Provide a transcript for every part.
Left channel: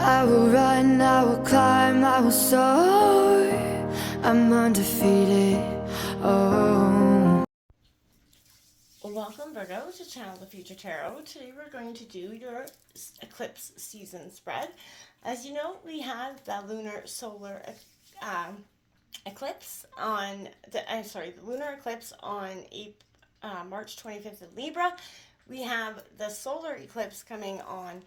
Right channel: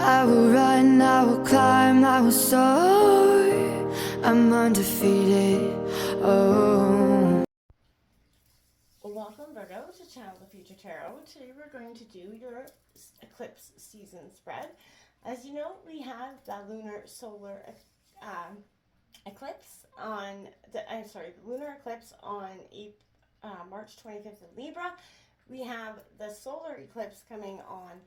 I will run, I will climb, I will soar. I'm undefeated. Oh. Welcome, Virgo, to Channel the Future Tarot. Today we're going to do your eclipse season spread. As you know, we have the lunar solar eclipse on the lunar eclipse on March 25th in Libra. We have the solar eclipse coming on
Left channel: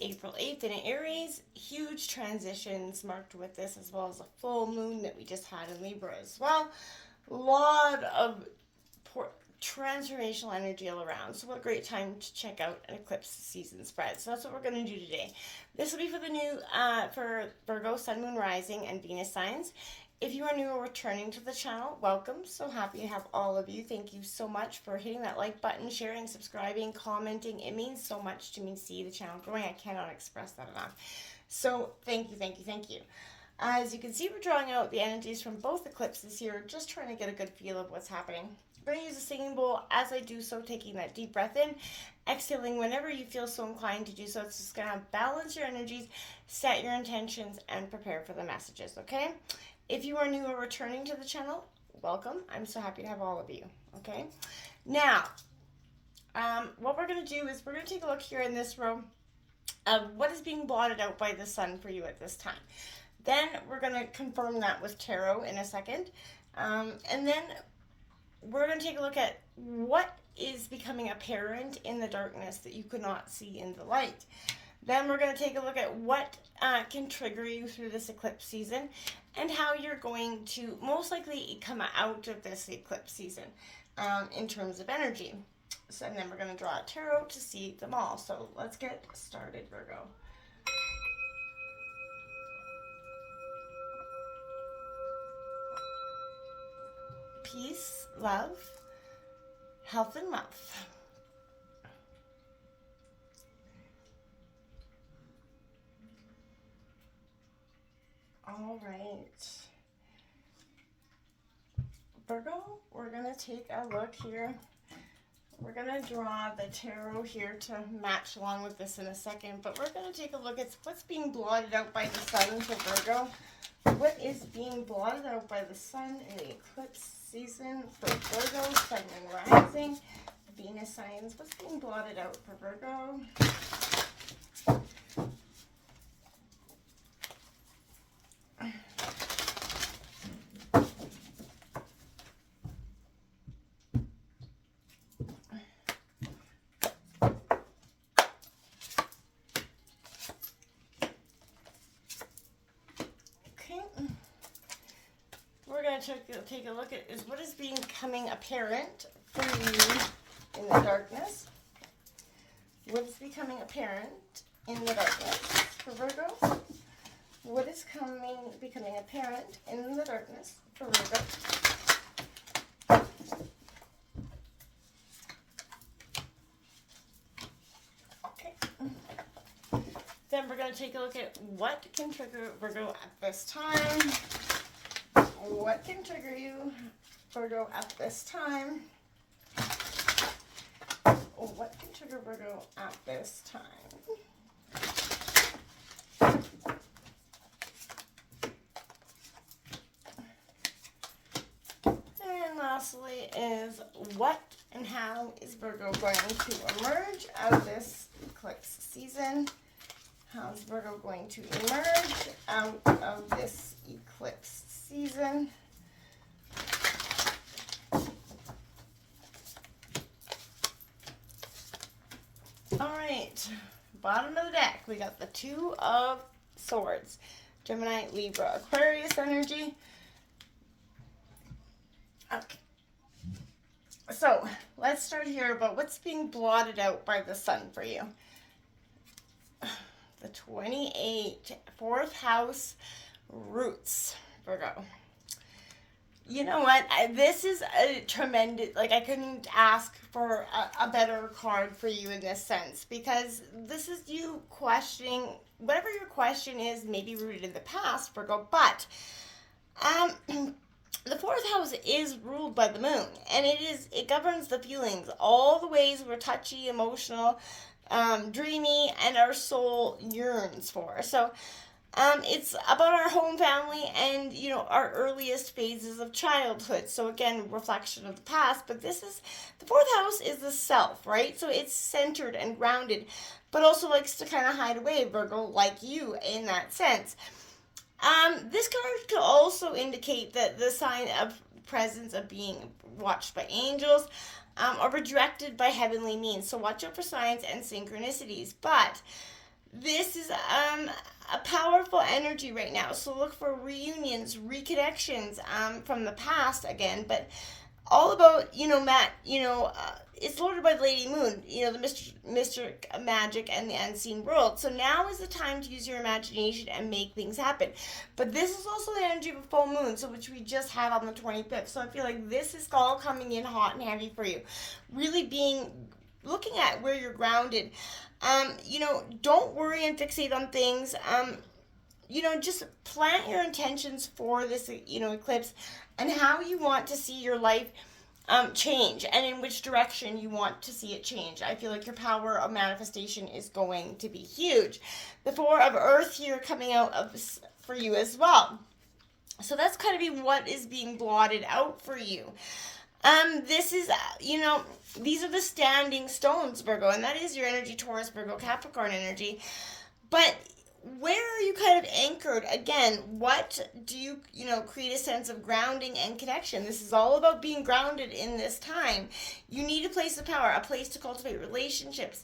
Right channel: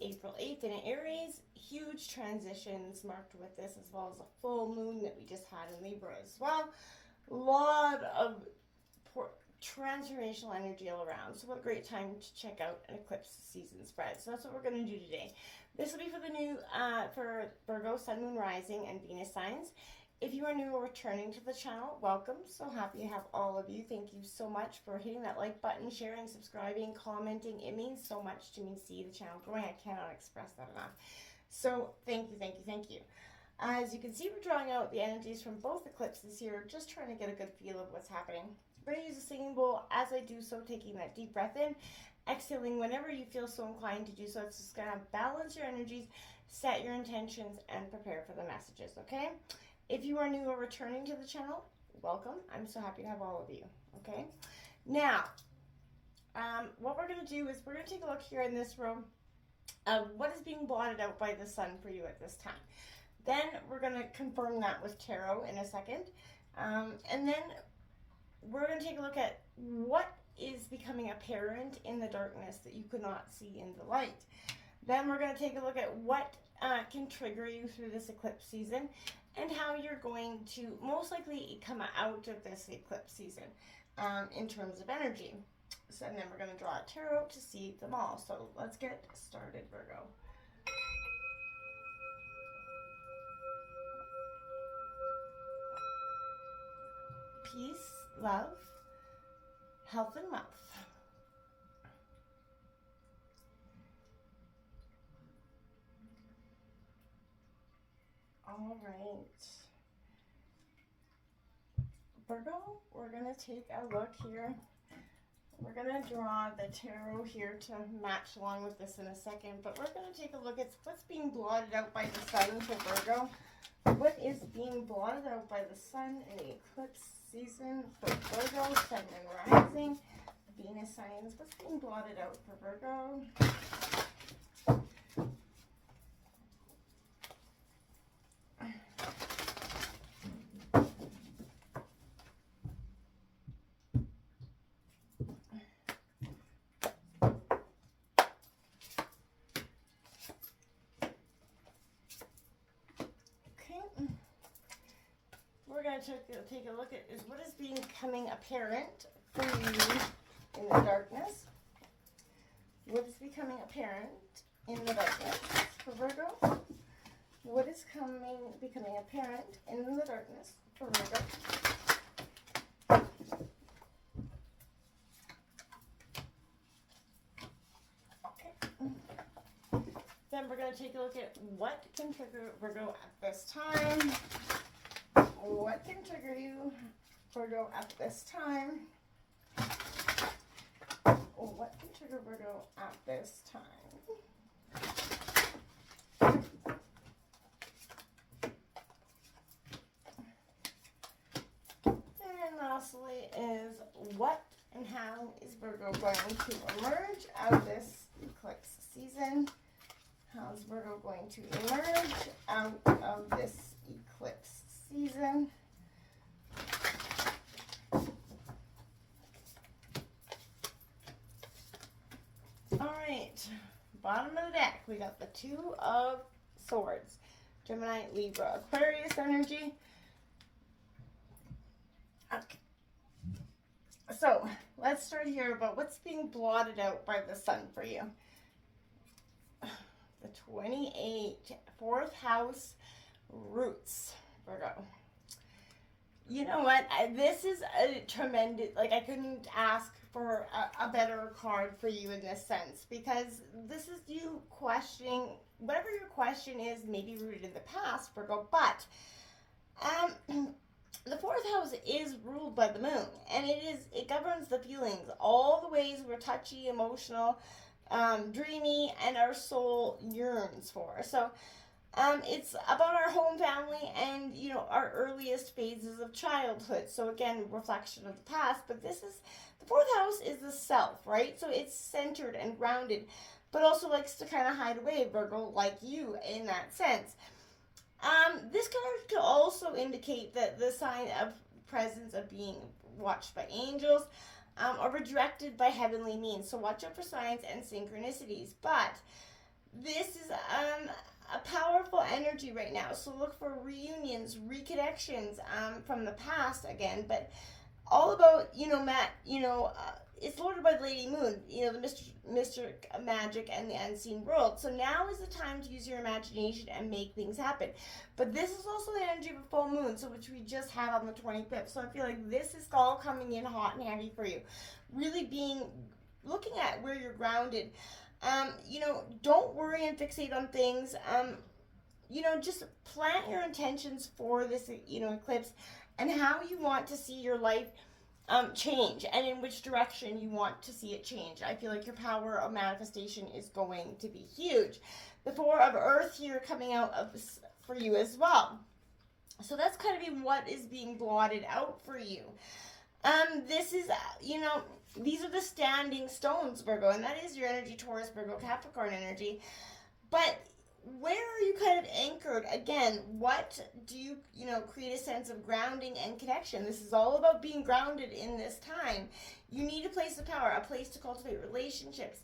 April 8th in Aries. Huge transitions marked with this, as well as a full moon that we just had in Libra as well. A lot of transformational energy all around. So what a great time to check out an eclipse season spread. So that's what we're going to do today. This will be for the new for Virgo, Sun, Moon, Rising, and Venus signs. If you are new or returning to the channel, welcome. So happy to have all of you. Thank you so much for hitting that like button, sharing, subscribing, commenting. It means so much to me to see the channel growing. I cannot express that enough. So thank you, thank you, thank you. As you can see, we're drawing out the energies from both eclipses here, just trying to get a good feel of what's happening. I'm going to use a singing bowl as I do so, taking that deep breath in, exhaling whenever you feel so inclined to do so. It's just going to balance your energies, set your intentions, and prepare for the messages, okay? If you are new or returning to the channel, welcome. I'm so happy to have all of you, okay? Now, what we're going to do is we're going to take a look here in this row of what is being blotted out by the sun for you at this time. Then we're going to confirm that with tarot in a second. And then we're going to take a look at what is becoming apparent in the darkness that you could not see in the light. Then we're going to take a look at what can trigger you through this eclipse season and how you're going to most likely come out of this eclipse season in terms of energy. So, and then we're going to draw a tarot to see them all. So let's get started, Virgo. Peace, love, health, and wealth. All right. Virgo, we're going to take a look here. We're going to draw the tarot here to match along with this in a second, but we're going to take a look at what's being blotted out by the sun for Virgo. What is being blotted out by the sun in the eclipse season for Virgo, Sun, and Rising, Venus signs? What's being blotted out for Virgo? We're going to take a look at is what is becoming apparent for you in the darkness. What is becoming apparent in the darkness for Virgo? What is becoming apparent in the darkness for Virgo? Okay. Then we're going to take a look at what can trigger Virgo at this time. What can trigger you, Virgo, at this time? What can trigger Virgo at this time? And lastly is what and how is Virgo going to emerge out of this eclipse season? How is Virgo going to emerge out of this eclipse season? All right, bottom of the deck, we got the Two of Swords, Gemini, Libra, Aquarius energy. Okay, so let's start here about what's being blotted out by the sun for you. The 28, fourth house, roots, Virgo. You know what? This is a tremendous, like, I couldn't ask for a better card for you in this sense, because this is you questioning, whatever your question is, maybe rooted in the past, Virgo, but the fourth house is ruled by the moon, and it governs the feelings, all the ways we're touchy, emotional, dreamy, and our soul yearns for. So it's about our home family and, our earliest phases of childhood. So again, reflection of the past, but the fourth house is the self, right? So it's centered and grounded, but also likes to kind of hide away, Virgo, like you in that sense. This card could also indicate that the sign of presence of being watched by angels, or redirected by heavenly means. So watch out for signs and synchronicities. But this is a powerful energy right now. So look for reunions, reconnections from the past again. But all about, it's lorded by the Lady Moon, the mystic magic and the unseen world. So now is the time to use your imagination and make things happen. But this is also the energy of a full moon, so which we just had on the 25th. So I feel like this is all coming in hot and heavy for you. Really looking at where you're grounded. Don't worry and fixate on things. Just plant your intentions for this, eclipse, and how you want to see your life change, and in which direction you want to see it change. I feel like your power of manifestation is going to be huge. The Four of Earth here coming out for you as well. So that's kind of be what is being blotted out for you. This is, these are the standing stones, Virgo, and that is your energy, Taurus, Virgo, Capricorn energy. But where are you kind of anchored? Again, what do you, create a sense of grounding and connection? This is all about being grounded in this time. You need a place of power, a place to cultivate relationships,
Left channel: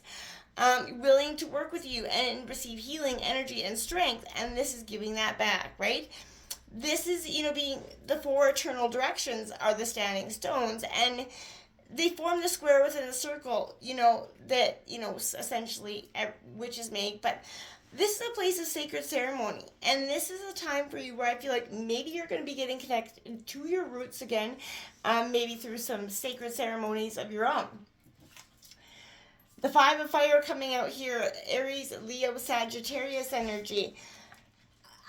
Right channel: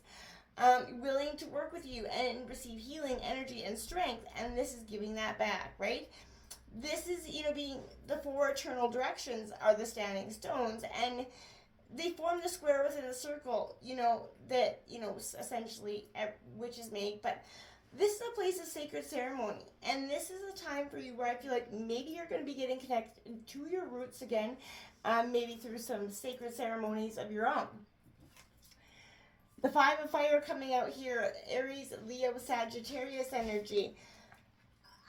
willing to work with you and receive healing, energy, and strength, and this is giving that back, right? This is, being the four eternal directions are the standing stones, and they form the square within the circle, that, essentially witches make, but this is a place of sacred ceremony, and this is a time for you where I feel like maybe you're going to be getting connected to your roots again, maybe through some sacred ceremonies of your own. The Five of Fire coming out here, Aries, Leo, Sagittarius energy.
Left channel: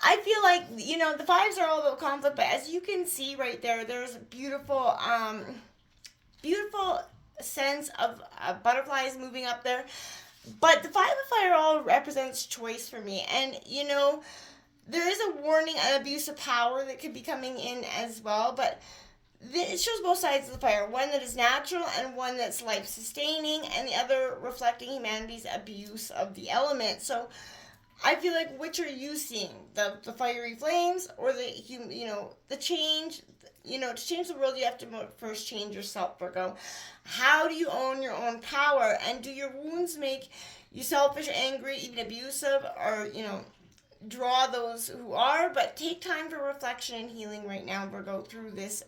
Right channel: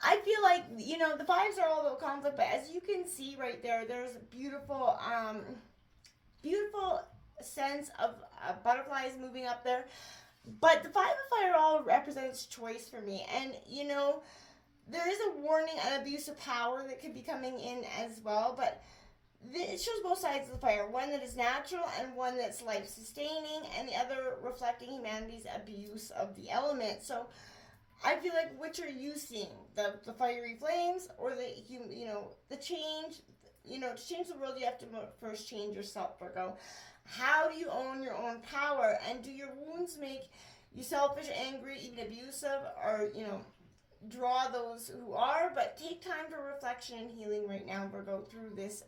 I feel like, the fives are all about conflict, but as you can see right there, there's a beautiful sense of butterflies moving up there. But the Five of Fire all represents choice for me. And, there is a warning and abuse of power that could be coming in as well. But it shows both sides of the fire. One that is natural and one that's life-sustaining. And the other reflecting humanity's abuse of the elements. So I feel like, which are you seeing? The fiery flames or the change? To change the world, you have to first change yourself, Virgo. How do you own your own power? And do your wounds make you selfish, angry, even abusive, or, draw those who are? But take time for reflection and healing right now, Virgo, through this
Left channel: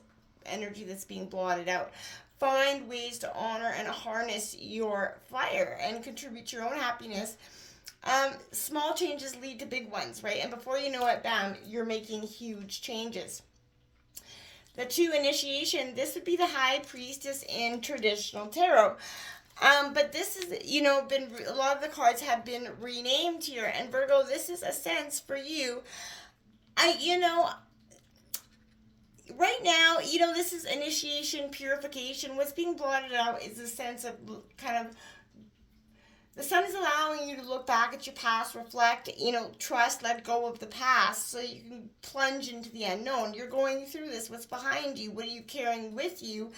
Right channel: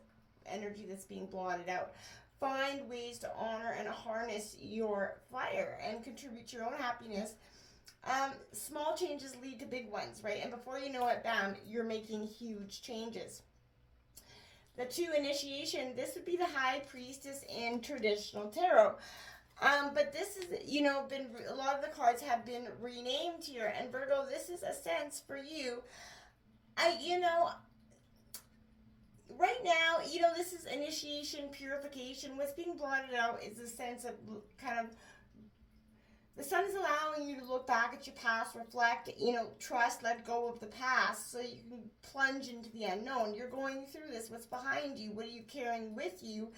energy that's being blotted out. Find ways to honor and harness your fire and contribute to your own happiness. Small changes lead to big ones, right? And before you know it, bam, you're making huge changes. The 2, initiation, this would be the High Priestess in traditional tarot. But this is, been a lot of the cards have been renamed here. And Virgo, this is a sense for you. Right now, this is initiation, purification. What's being blotted out is a sense of kind of, the sun is allowing you to look back at your past, reflect, trust, let go of the past so you can plunge into the unknown. You're going through this. What's behind you? What are you carrying with you?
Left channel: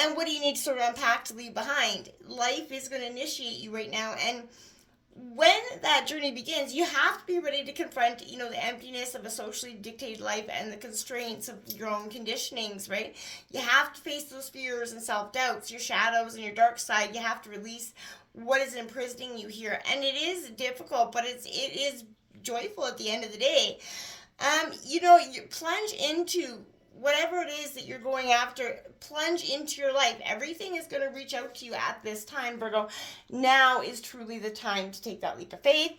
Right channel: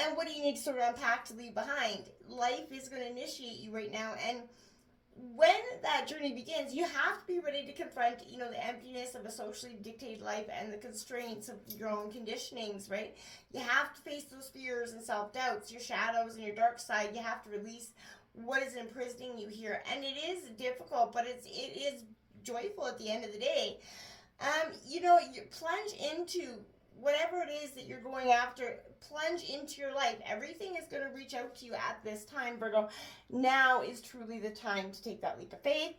And what do you need to sort of unpack to leave behind? Life is going to initiate you right now. And when that journey begins, you have to be ready to confront, the emptiness of a socially dictated life and the constraints of your own conditionings, right? You have to face those fears and self-doubts, your shadows and your dark side. You have to release what is imprisoning you here. And it is difficult, but it is joyful at the end of the day. You plunge into whatever it is that you're going after, plunge into your life. Everything is going to reach out to you at this time, Virgo. Now is truly the time to take that leap of faith.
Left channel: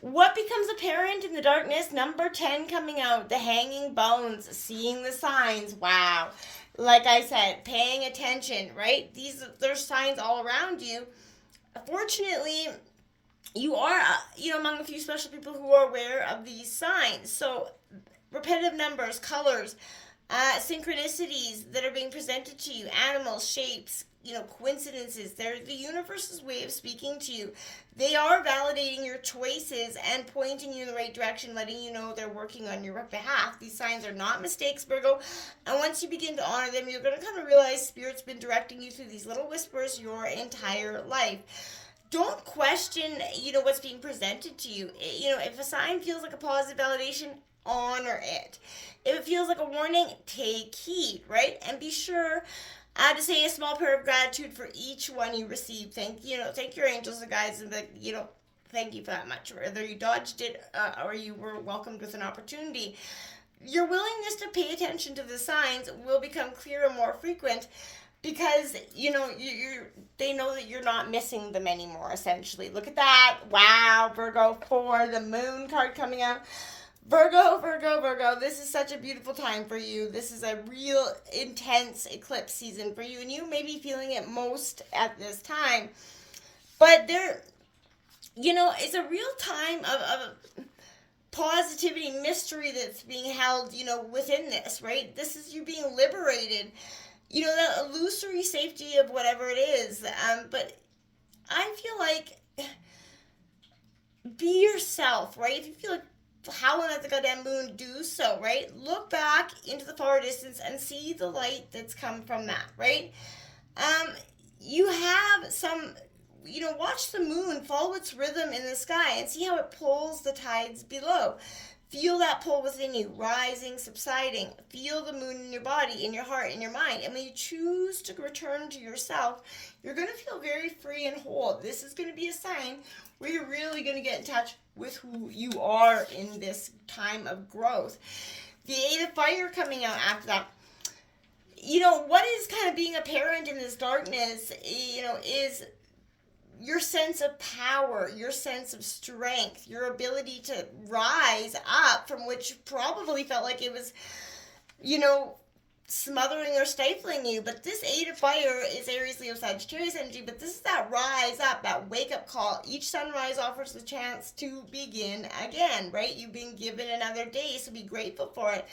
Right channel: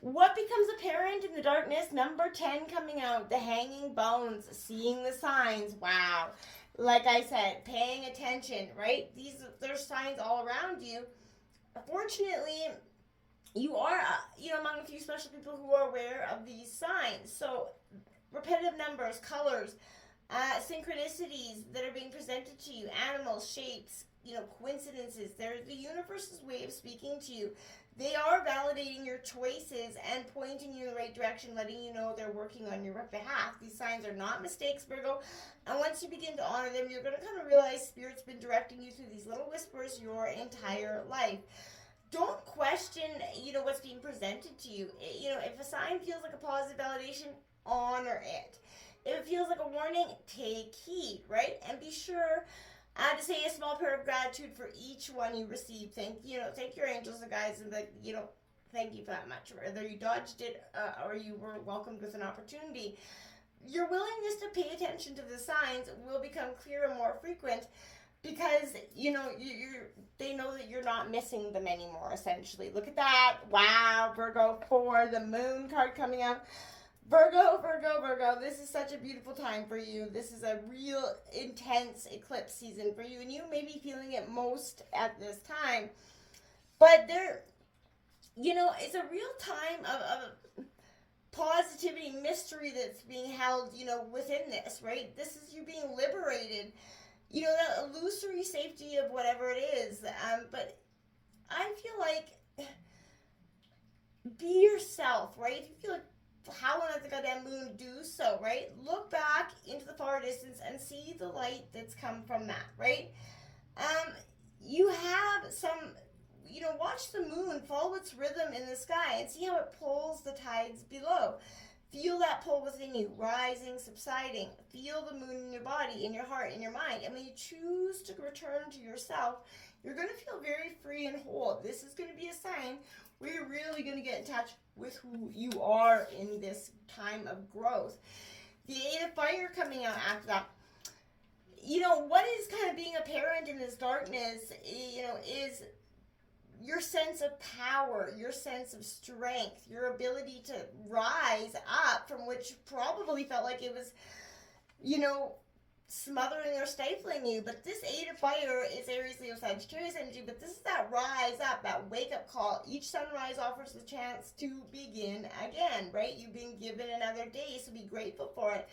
What becomes apparent in the darkness? Number 10 coming out, the hanging bones, seeing the signs. Wow. Like I said, paying attention, right? There's signs all around you. Fortunately, you are, among a few special people who are aware of these signs. So, repetitive numbers, colors, synchronicities that are being presented to you, animals, shapes, coincidences. They're the universe's way of speaking to you. They are validating your choices and pointing you in the right direction, letting you know they're working on your behalf. These signs are not mistakes, Virgo. And once you begin to honor them, you're going to kind of realize Spirit's been directing you through these little whispers your entire life. Don't question, what's being presented to you. If a sign feels like a positive validation, honor it. If it feels like a warning, take heed, right? And be sure to say a small prayer of gratitude for each one you receive. Thank your angels and guides, and thank you for that much. Whether you dodged it or you were welcomed with an opportunity, your willingness to pay attention to the signs will become clearer and more frequent, because they know that you're not missing them anymore. Essentially, look at that! Wow, Virgo 4, the Moon card coming out. Virgo, this is such a beautiful time for you. This is a real intense eclipse season for you, and you may be feeling it most at this time. But it's a real time of positivity, mystery that's being held, within this, right? This is you being liberated, the illusory safety of whatever it is. But I feel like be yourself, right? If you feel like howling at the goddamn moon, do so, right? Look back into the far distance and see the light that's come from that, right? You have some, watch the moon, follow its rhythm in the sky and see how it pulls the tides below. Feel that pull within you, rising, subsiding. Feel the moon in your body, in your heart, in your mind. And when you choose to return to yourself, you're going to feel very free and whole. This is going to be a sign where you're really going to get in touch with who you are in this time of growth. The Eight of Fire coming out after that. What is kind of being apparent in this darkness, is your sense of power, your sense of strength, your ability to rise up from which probably felt like it was, smothering or stifling you. But this Eight of Fire is Aries, Leo, Sagittarius energy, but this is that rise up, that wake up call. Each sunrise offers the chance to begin again, right? You've been given another day, so be grateful for it.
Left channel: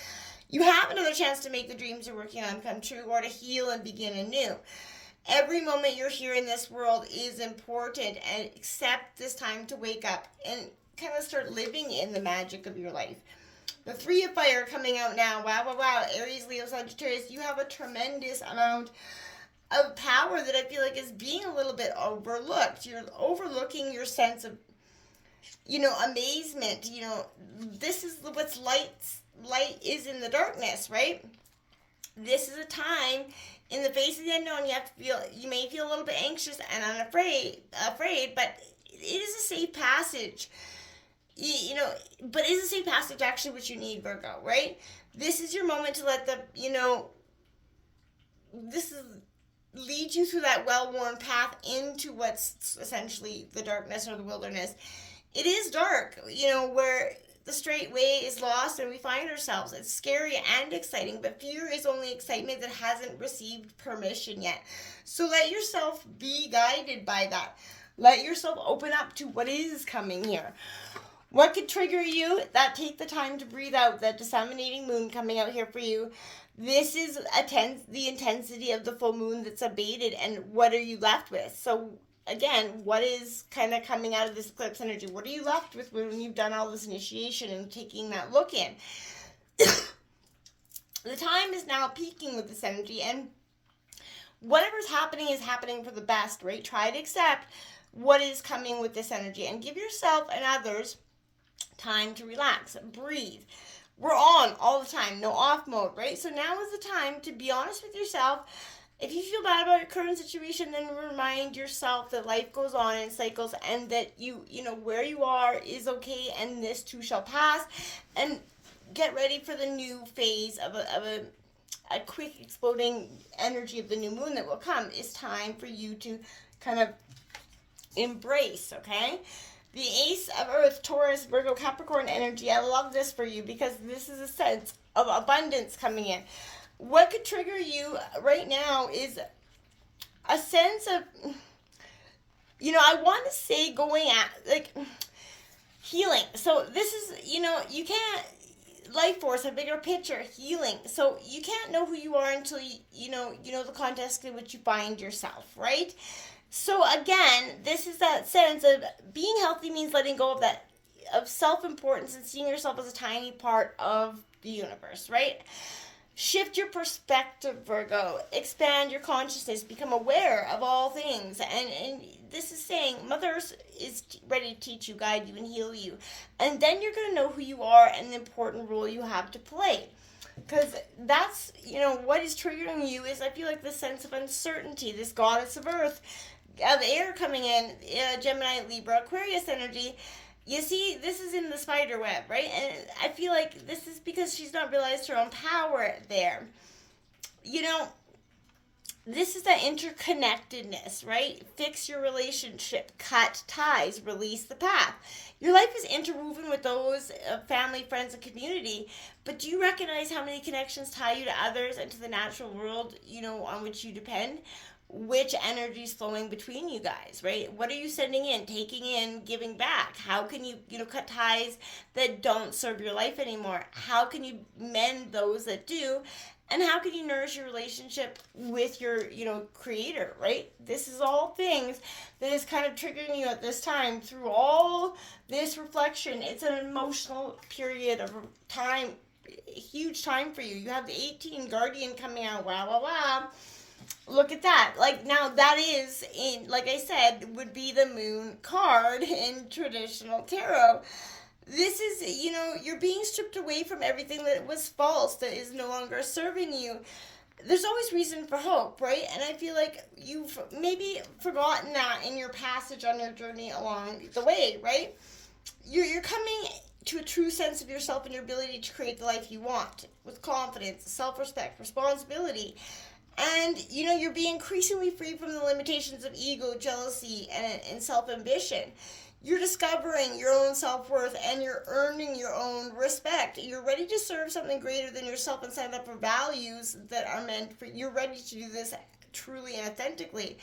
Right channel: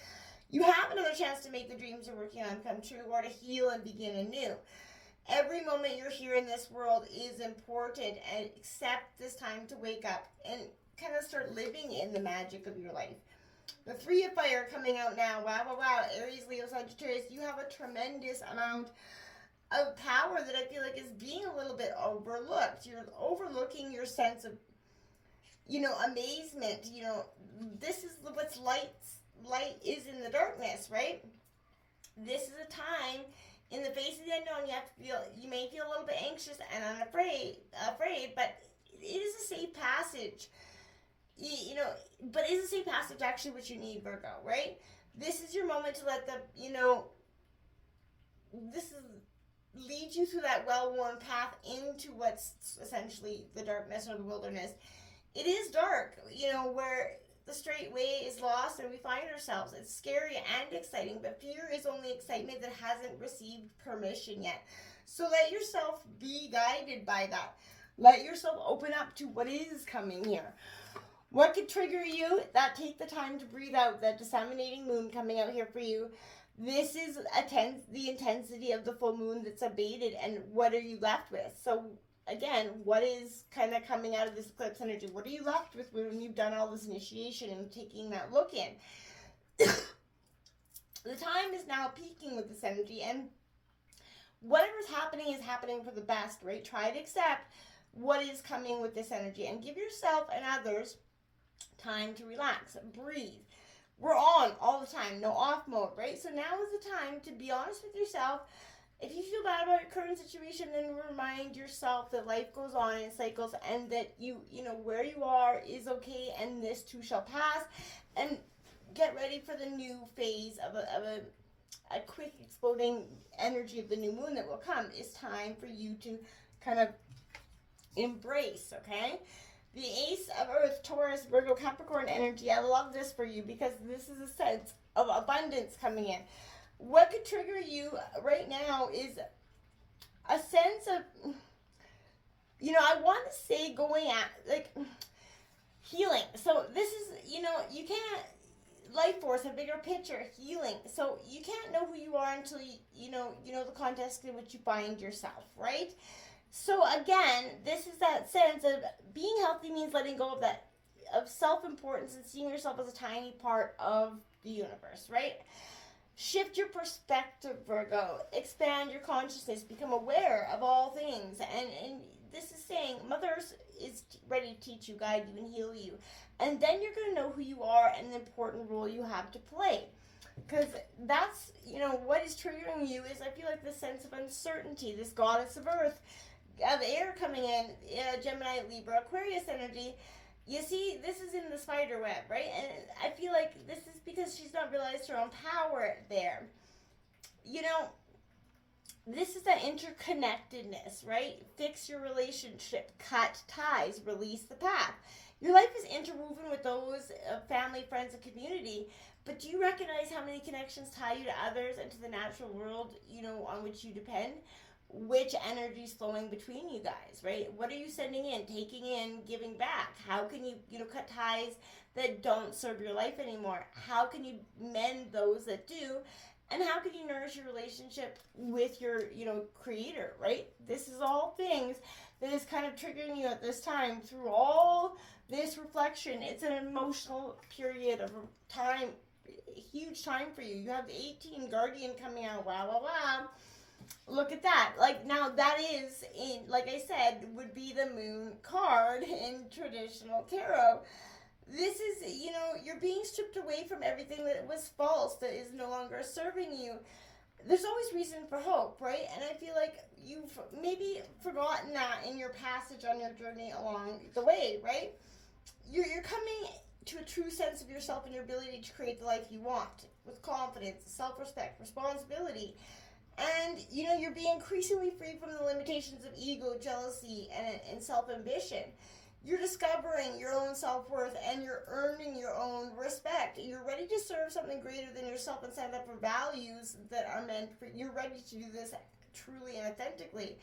You have another chance to make the dreams you're working on come true, or to heal and begin anew. Every moment you're here in this world is important, and accept this time to wake up and kind of start living in the magic of your life. The Three of Fire coming out now. Wow. Aries, Leo, Sagittarius, you have a tremendous amount of power that I feel like is being a little bit overlooked. You're overlooking your sense of, amazement. This is what's light is in the darkness, right? This is a time in the face of the unknown. You may feel a little bit anxious and unafraid, but it is a safe passage. But is a safe passage actually what you need, Virgo, right? This is your moment to let lead you through that well-worn path into what's essentially the darkness or the wilderness. It is dark, where the straight way is lost and we find ourselves. It's scary and exciting, but fear is only excitement that hasn't received permission yet. So let yourself be guided by that. Let yourself open up to what is coming here. What could trigger you? Take the time to breathe out. That disseminating moon coming out here for you. This is the intensity of the full moon that's abated, and what are you left with? So again, what is kind of coming out of this eclipse energy? What are you left with when you've done all this initiation and taking that look in? The time is now peaking with this energy, and whatever's happening is happening for the best, right? Try to accept what is coming with this energy and give yourself and others time to relax, breathe. We're on all the time, no off mode, right? So now is the time to be honest with yourself. If you feel bad about your current situation, then remind yourself that life goes on in cycles, and that you where you are is okay, and this too shall pass. And get ready for the new phase of a quick exploding energy of the new moon that will come. It's time for you to kind of embrace, okay? The Ace of Earth, Taurus, Virgo, Capricorn energy. I love this for you because this is a sense of abundance coming in. What could trigger you right now is a sense of, I want to say going at, healing. So this is, you can't life force, a bigger picture, healing. So you can't know who you are until you know the context in which you find yourself, right? So again, this is that sense of being healthy means letting go of that, of self-importance, and seeing yourself as a tiny part of the universe, right? Shift your perspective, Virgo. Expand your consciousness. Become aware of all things. And this is saying Mother Earth is ready to teach you, guide you, and heal you. And then you're going to know who you are and the important role you have to play. Because that's, what is triggering you is, I feel like, this sense of uncertainty, this goddess of Earth, of air coming in, Gemini, Libra, Aquarius energy. You see, this is in the spider web, right? And I feel like this is because she's not realized her own power there. This is that interconnectedness, right? Fix your relationship, cut ties, release the path. Your life is interwoven with those family, friends, and community, but do you recognize how many connections tie you to others and to the natural world, on which you depend? Which energy is flowing between you guys, right? What are you sending in, taking in, giving back? How can you, cut ties that don't serve your life anymore? How can you mend those that do? And how can you nourish your relationship with your, creator, right? This is all things that is kind of triggering you at this time through all this reflection. It's an emotional period of time, huge time for you. You have the 18 Guardian coming out, wow, wow, wow. Look at that. Now that is, like I said, would be the moon card in traditional tarot. This is, you're being stripped away from everything that was false, that is no longer serving you. There's always reason for hope, right? And I feel like you've maybe forgotten that in your passage on your journey along the way, right? You're coming to a true sense of yourself and your ability to create the life you want with confidence, self-respect, responsibility. And, you're being increasingly free from the limitations of ego, jealousy, and self-ambition. You're discovering your own self-worth, and you're earning your own respect. You're ready to serve something greater than yourself and stand up for values that are meant for you. You're ready to do this truly and authentically.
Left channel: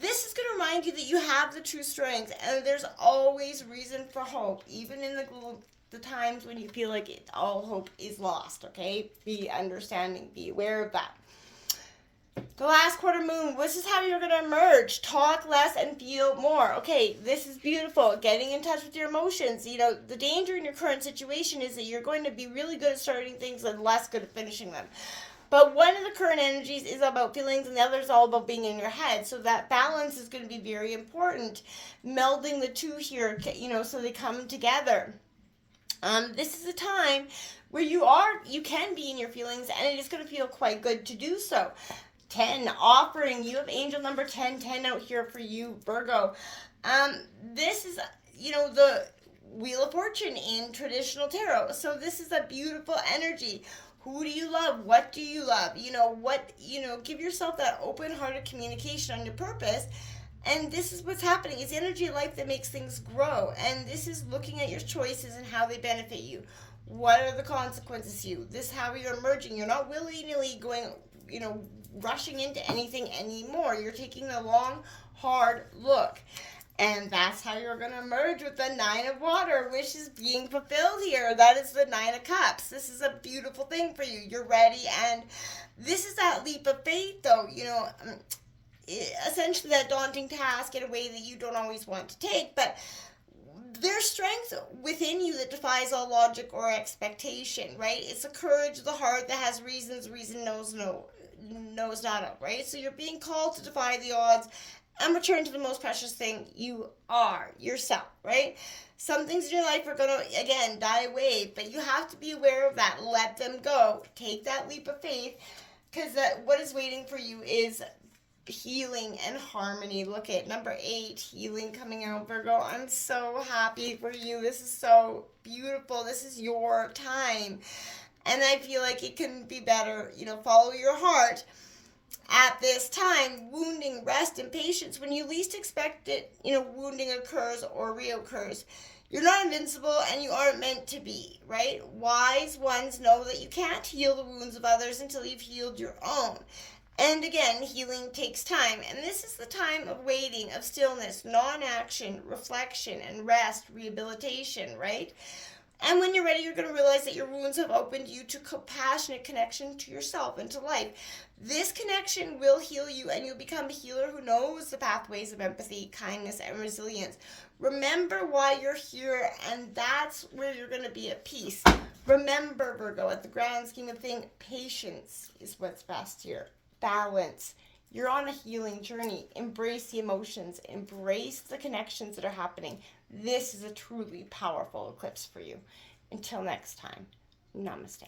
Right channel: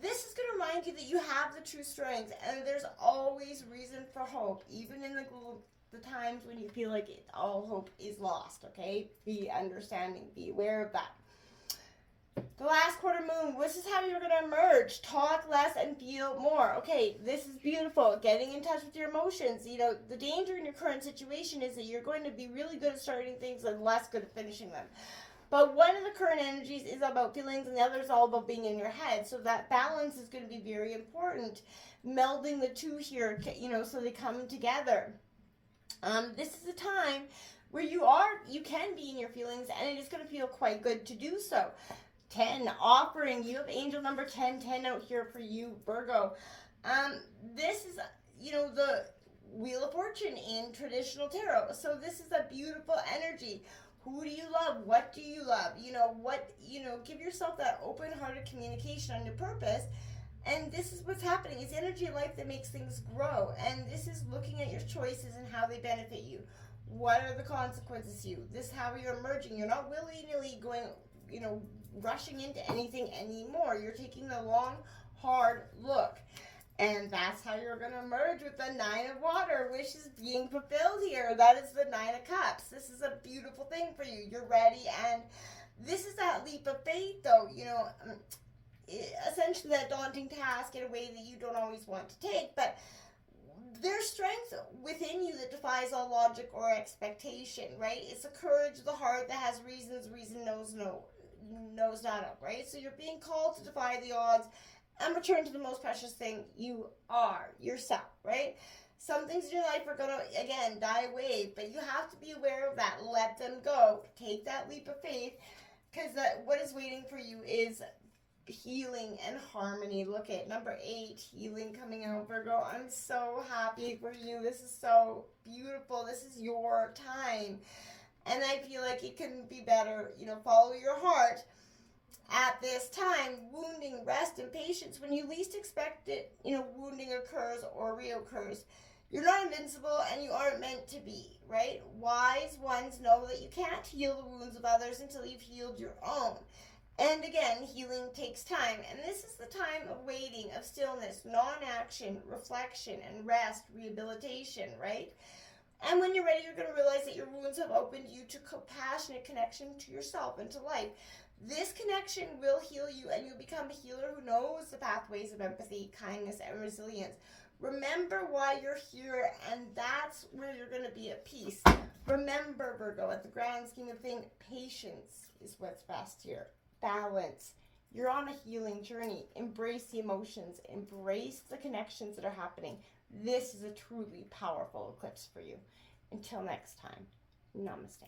This is going to remind you that you have the true strength, and there's always reason for hope, even in the times when you feel like all hope is lost, okay? Be understanding, be aware of that. The last quarter moon, this is how you're going to emerge. Talk less and feel more. Okay, this is beautiful. Getting in touch with your emotions. The danger in your current situation is that you're going to be really good at starting things and less good at finishing them. But one of the current energies is about feelings and the other is all about being in your head. So that balance is going to be very important. Melding the two here, so they come together. This is a time where you can be in your feelings, and it is going to feel quite good to do so. 10 offering. You have angel number 10 out here for you, Virgo. This is the Wheel of Fortune in traditional tarot. So this is a beautiful energy. Who do you love? What do you love? Give yourself that open-hearted communication on your purpose. And this is what's happening. It's energy of life that makes things grow. And this is looking at your choices and how they benefit you. What are the consequences to you? This is how you're emerging. You're not willy-nilly going, rushing into anything anymore. You're taking a long, hard look. And that's how you're going to emerge with the 9 of Water, which is being fulfilled here. That is the 9 of Cups. This is a beautiful thing for you. You're ready. And this is that leap of faith, though. Essentially that daunting task in a way that you don't always want to take. But there's strength within you that defies all logic or expectation, right? It's the courage of the heart that has reasons, reason knows not of, right? So you're being called to defy the odds and return to the most precious thing you are, yourself, right? Some things in your life are going to, again, die away, but you have to be aware of that. Let them go. Take that leap of faith, because what is waiting for you is healing and harmony. Look at number 8, healing coming out, Virgo. I'm so happy for you. This is so beautiful. This is your time. And I feel like it couldn't be better. Follow your heart. At this time, wounding, rest, and patience. When you least expect it, wounding occurs or reoccurs. You're not invincible, and you aren't meant to be, right? Wise ones know that you can't heal the wounds of others until you've healed your own. And again, healing takes time. And this is the time of waiting, of stillness, non-action, reflection, and rest, rehabilitation, right? And when you're ready, you're going to realize that your wounds have opened you to compassionate connection to yourself and to life. This connection will heal you, and you'll become a healer who knows the pathways of empathy, kindness, and resilience. Remember why you're here, and that's where you're going to be at peace. Remember, Virgo, at the grand scheme of things, patience is what's best here. Balance. You're on a healing journey. Embrace the emotions. Embrace the connections that are happening. This is a truly powerful eclipse for you. Until next time, namaste.